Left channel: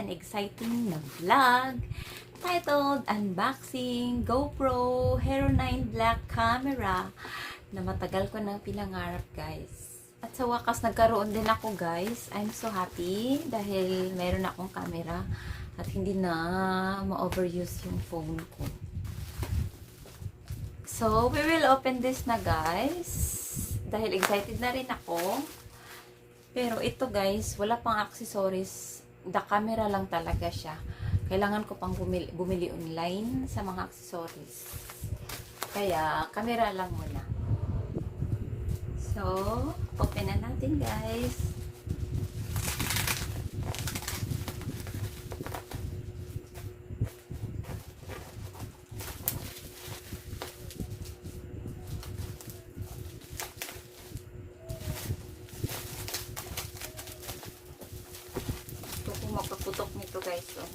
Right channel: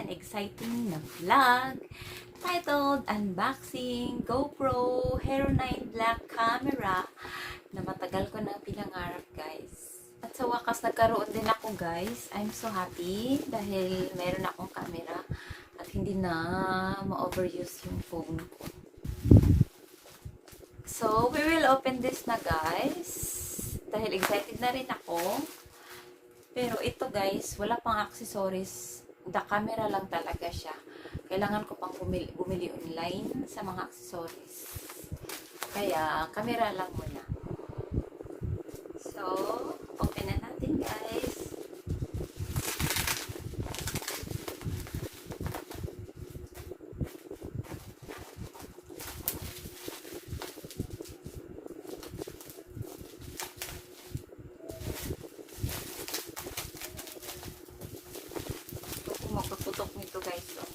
and exciting na vlog titled Unboxing GoPro Hero9 Black camera na matagal ko nang pinangarap, guys. At sa wakas nagkaroon din ako, guys. I'm so happy dahil meron akong camera at hindi na ma-overuse yung phone ko. So, we will open this na, guys. Dahil excited na rin ako. Pero ito, guys, wala pang accessories. The camera lang talaga siya. Kailangan ko pang bumili online sa mga accessories. Kaya, camera lang muna. So, open na natin, guys. Magpaputok nito, guys. So.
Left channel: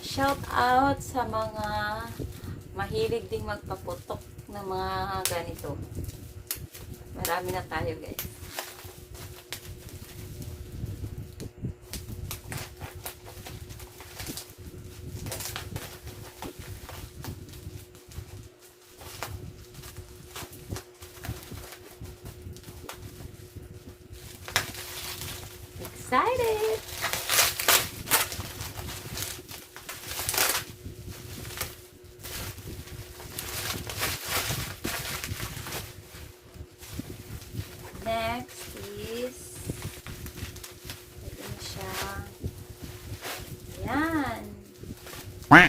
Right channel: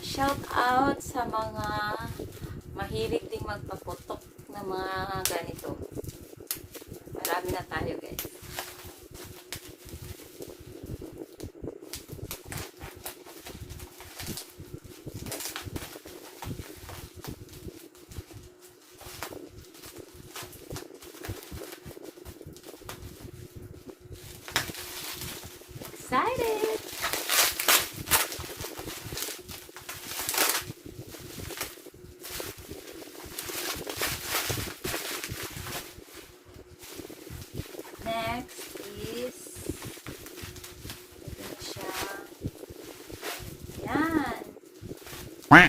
Shout out sa mga mahilig ding magpaputok ng mga ganito. Marami na tayo, guys. Excited! Next is ito na siya. Ayan. Hi!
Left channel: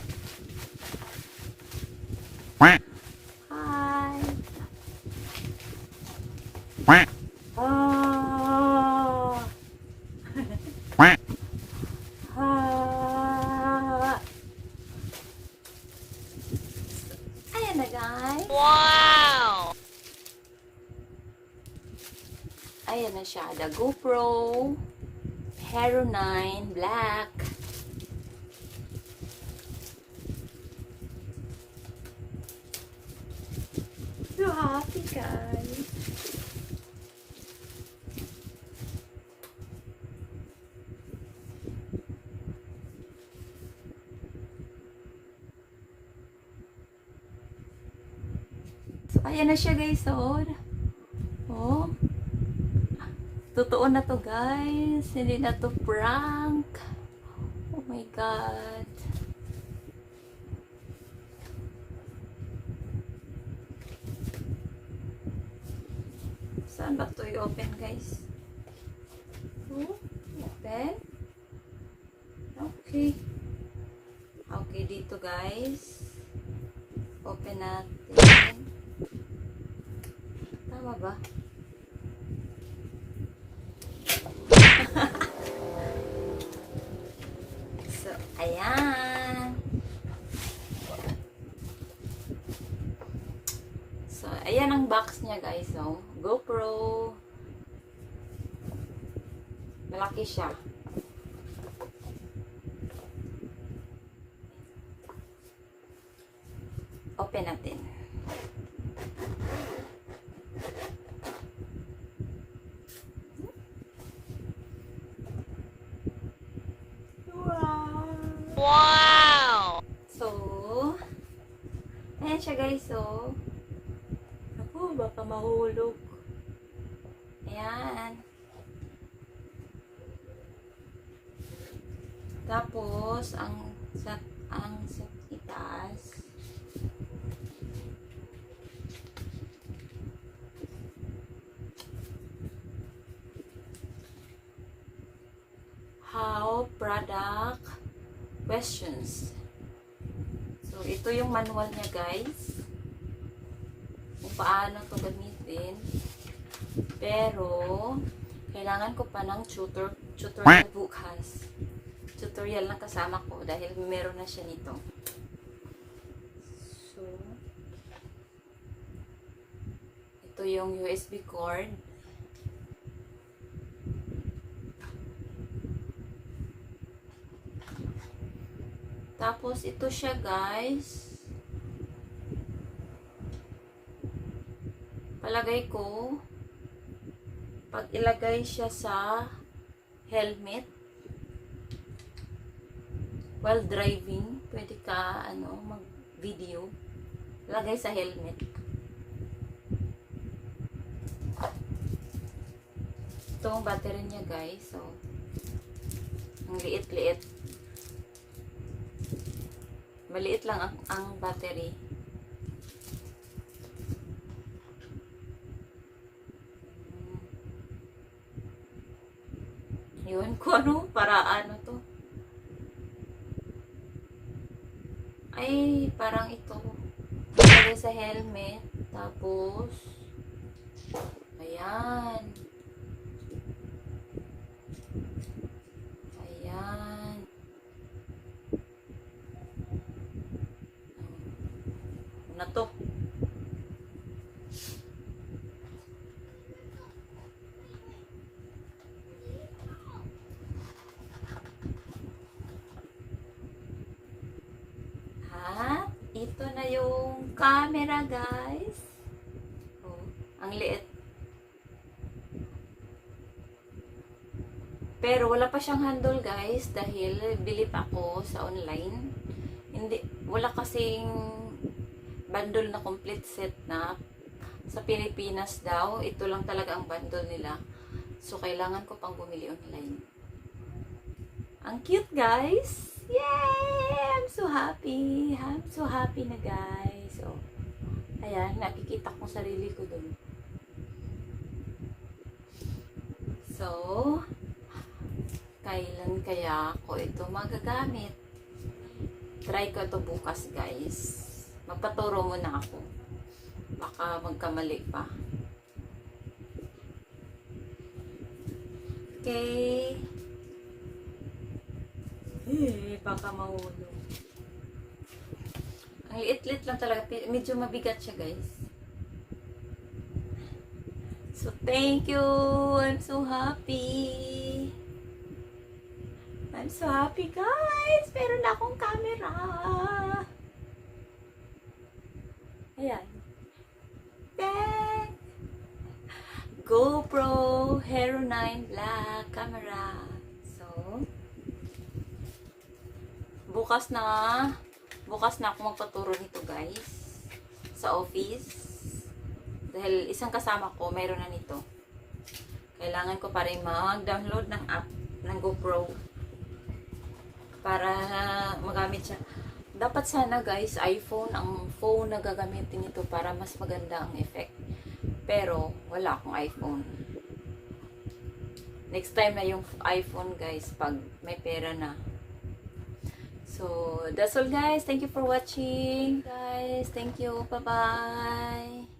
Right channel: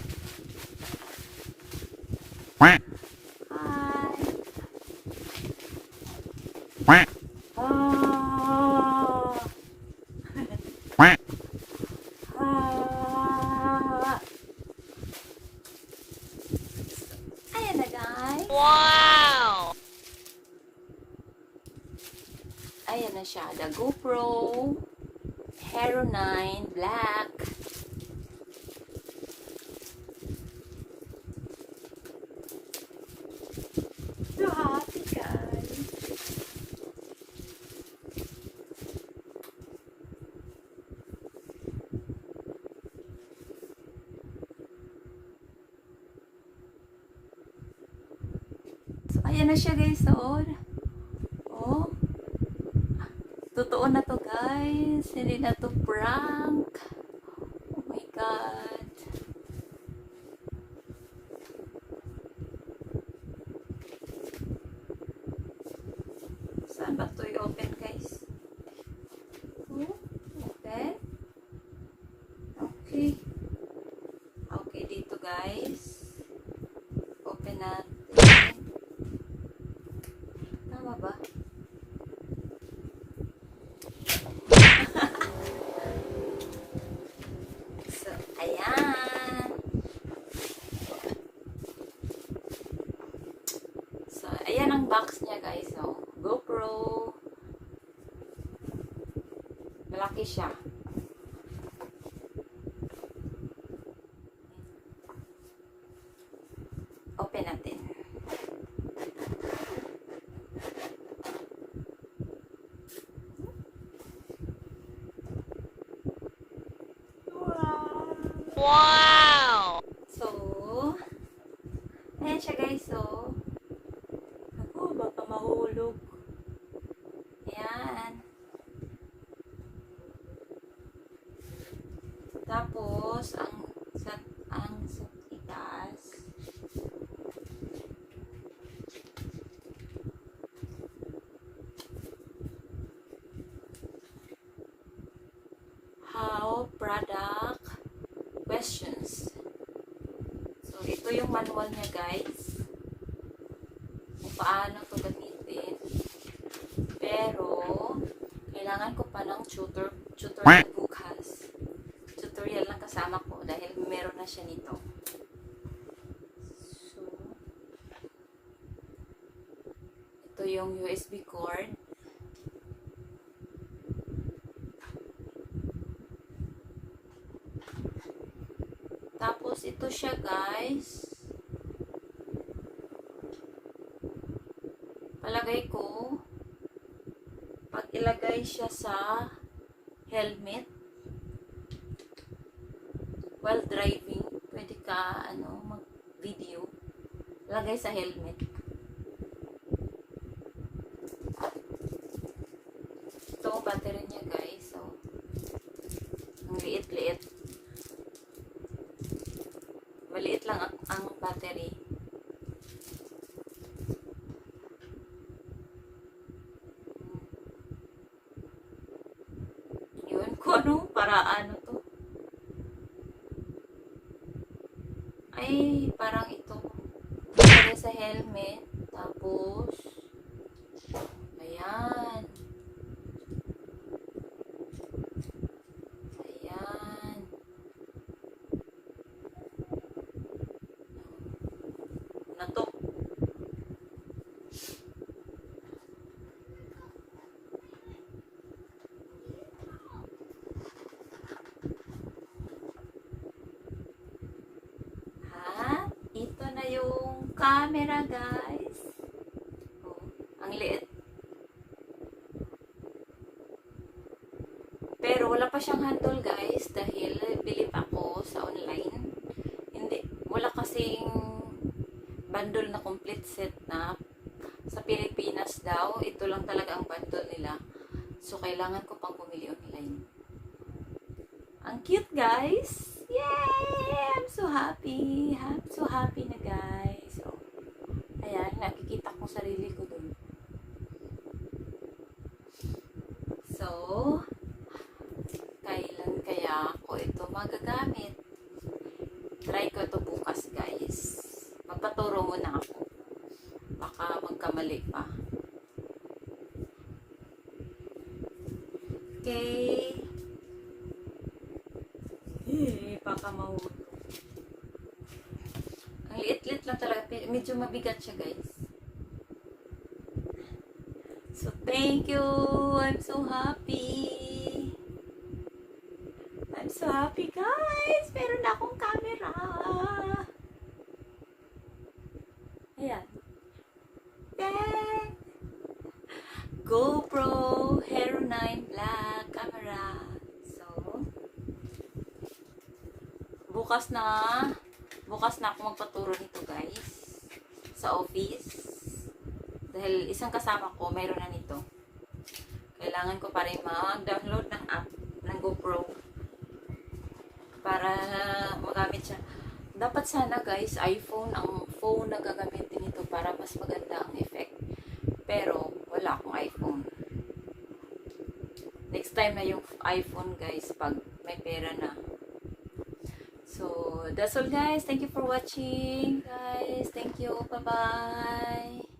Ayan na, guys. Wow! Ayan na siya. The GoPro Hero9 Black. So happy, guys. So, ayan na siya, guys. Oh. Totoo na to, guys. Hindi na to prank. Oh my God. Saan ba to i-open, guys? Oh, open. Okay. Okay, dito, guys. Open natin. Tama ba? So, ayan. So, ayan ang box niya, guys. So, GoPro. Malaki siya. Open natin. Wow! So, ayan siya, guys. So, ako, baka mahulog. Ayan. Tapos, ang itaas. How product questions. So, ito yung manual niya, guys. Kung paano ito gamitin. Pero, kailangan ko pa ng tutorial bukas. Tutorial lang kasama ko dahil meron na siya nito. So, ito yung USB cord. Tapos, ito siya, guys. Palagay ko, pag ilagay siya sa helmet while driving, pwede ka mag-video, lagay sa helmet. Ito ang battery niya guys, so ang liit-liit, maliit lang ang battery. Yun, kung ano, para ano to. Ay, parang ito. Lagay sa helmet. Tapos, ayan. Ayan. Na to. At ito na yung camera guys. Oh, ang liit. Pero wala pa siyang handle guys dahil bilip ako sa online. Hindi, wala kasing bundle na complete set na sa Pilipinas daw. Ito lang talaga ang bundle nila. So kailangan ko pang bumili online. Ang cute guys. Yay! I'm so happy. I'm so happy na guys. So, ayan, nakikita kong sarili ko dun. So, kailan kaya ako ito magagamit? Try ko ito bukas guys. Magpaturo muna ako. Baka magkamali pa. Okay. Baka mahulog. Ang liit-liit lang talaga. Medyo mabigat siya guys. So, thank you. I'm so happy. I'm so happy guys. Meron na akong camera. Ayan. GoPro Hero9 Black camera. So, bukas na ako magpaturo nito guys sa office dahil isang kasama ko mayroon na nito. Kailangan ko pa rin mag-download ng app ng GoPro para magamit siya. Dapat sana guys iPhone ang phone na gagamitin nito para mas maganda ang effect, pero wala akong iPhone. Next time na yung iPhone guys pag may pera na. So, that's all guys. Thank you for watching, guys. Thank you. Bye-bye.